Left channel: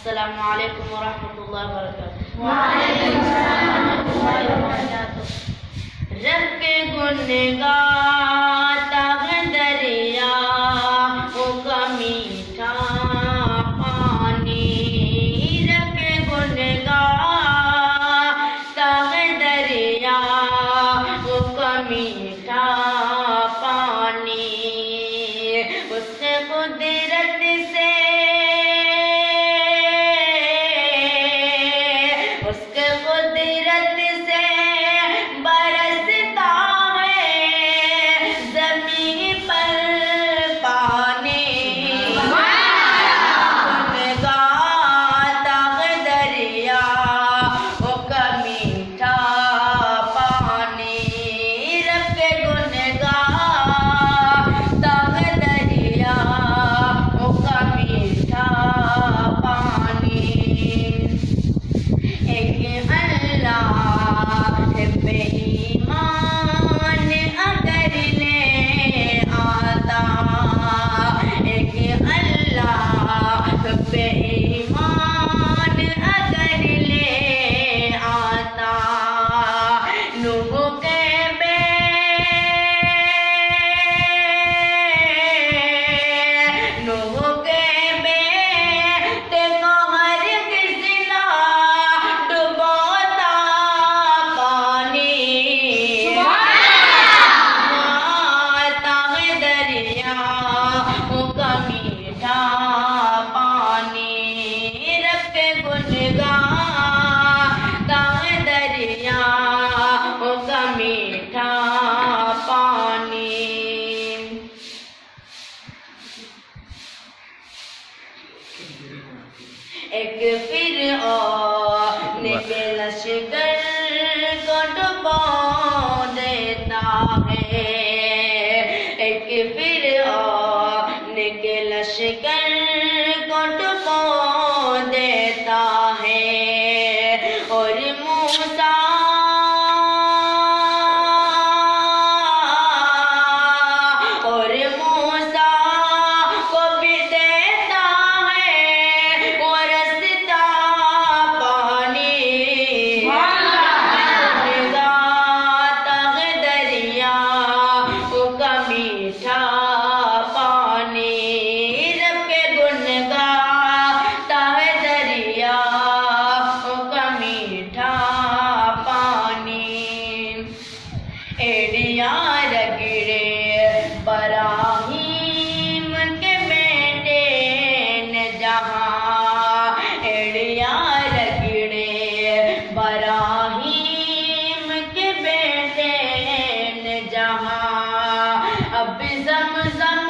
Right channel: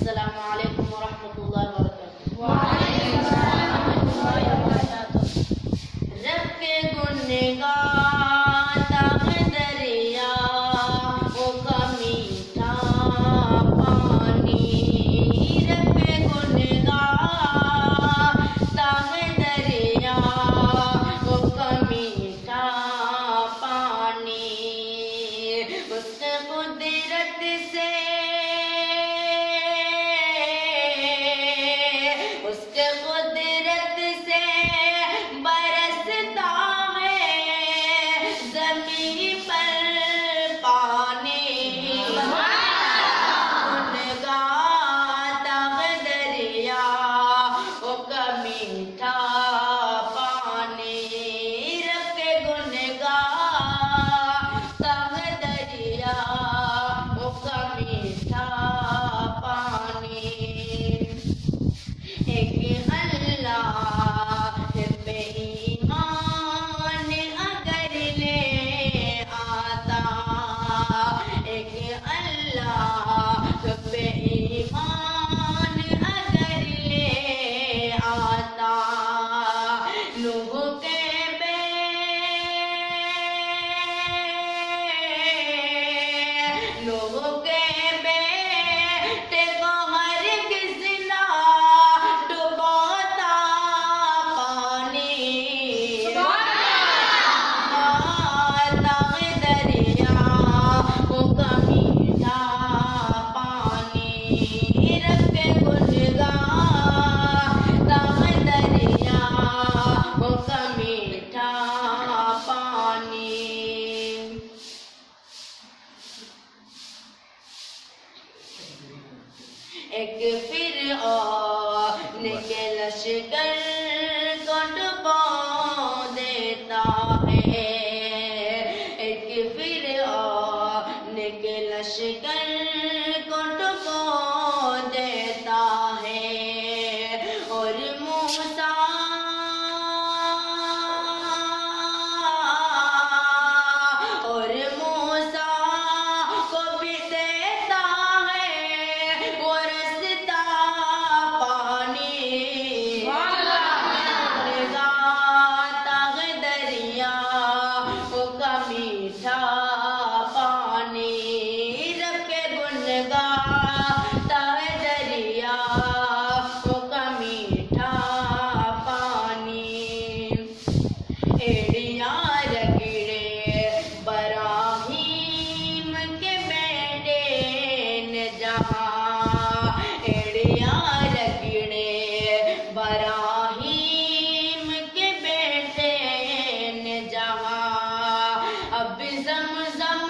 अस्सलामु अलैकुम वरहमतुल्लाहि वबरकातुहू। वालेकुम अस्सलाम वरहमतुल्लाहि वबरकातुहू। रब के गुनगाता दरिया वो का मीठा पानी, रब के गुनगाता दरिया वो का मीठा पानी, उससे कुदरत से उसके कुदरत से बरसता है ज़मीन पर पानी, गुनगाता दरिया वो का मीठा पानी, रब के गुनगाता दरिया वो का मीठा पानी। एक अल्लाह पे ईमान अगर ले आता, एक अल्लाह पे ईमान अगर ले आता, नूह के बेटे को हर किसी ना डुबोता पानी, माता दरिया वो का मीठा पानी, रब के गुनगाता दरिया वो का मीठा पानी। एक फ़िरऔन के लश्कर को डुबो देता है, एक फ़िरऔन के लश्कर को डुबो देता है, और मूसा को भी देता है वो रास्ता पानी, गुनगाता दरिया वो का मीठा पानी, रब के गुनगाता दरिया वो का मीठा पानी। एड़िया रगड़े बराहीम के बेटे ने जहाँ, एड़िया रगड़े बराहीम के बेटे ने जहाँ, अब ज़मज़म